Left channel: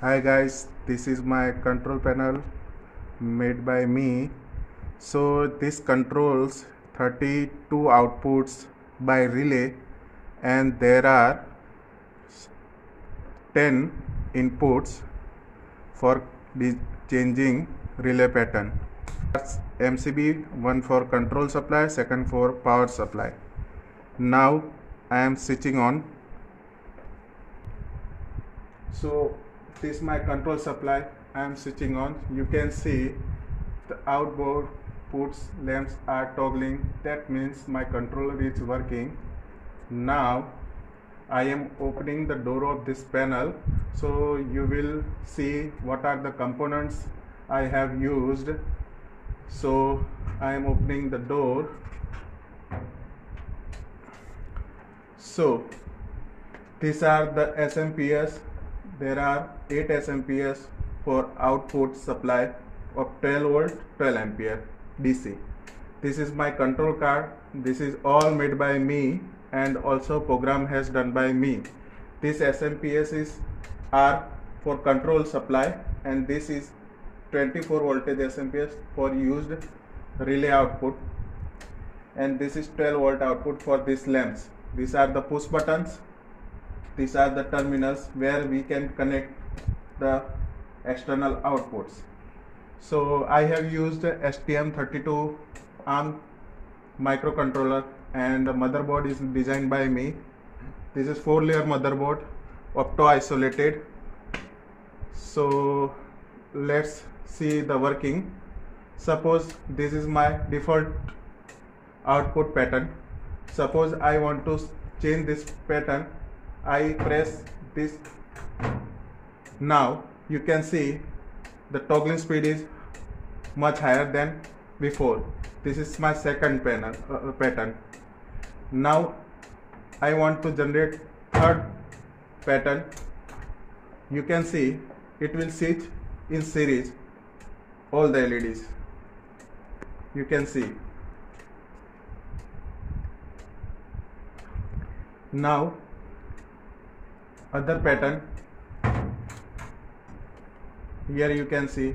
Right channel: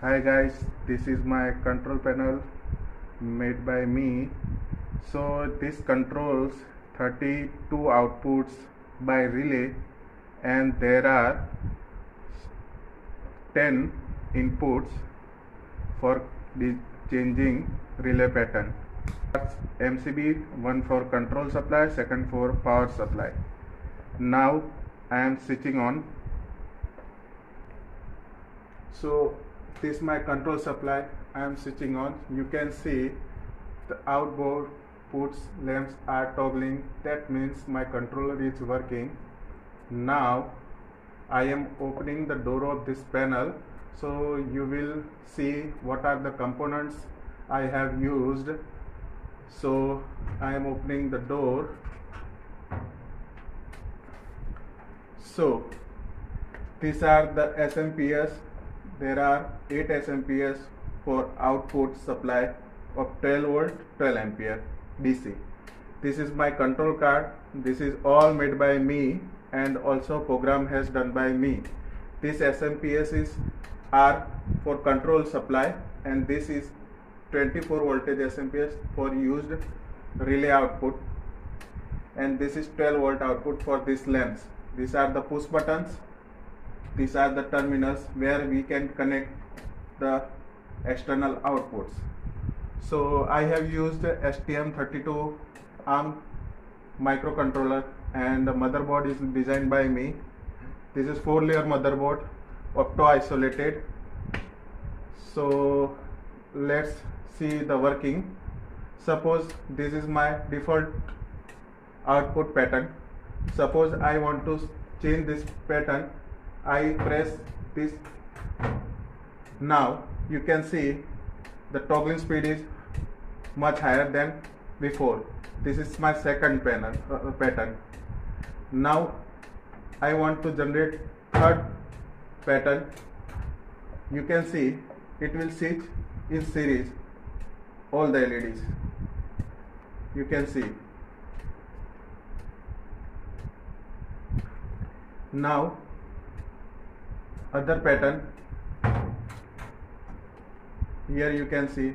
Hi guys, this is my control panel made by me. So this controls 32 outputs by relay, and there are 10 inputs for changing relay pattern. MCB, one for control supply, second for power supply. Now I am switching on. So this is my control supply. I am switching on. You can see the outboard puts lamps are toggling. That means my controller is working. Now I am opening the door of this panel, so you will see what are the components I have used. So I am opening the door. So these are the SMPS. There are 8 SMPS for output supply of 12 volt 12 ampere DC. This is my control card. This is all made by me, and also program has done by me. This SMPS are for control supply, and this is 24 voltage SMPS for used relay output, and this is 12 volt output for these lamps. These are the push buttons. These are the terminals where we can connect the external outputs. So I have used STM32 ARM microcontroller, and the motherboard is designed by me. This is 4-layer motherboard, opto isolated. So let's see the working. Suppose this is my default output pattern. Suppose I want to change this pattern. I press this. Now you can see the toggling speed is much higher than before. This is my second pattern. Now I want to generate third pattern. You can see it will switch in series all the LEDs. You can see. Now other pattern, here you can see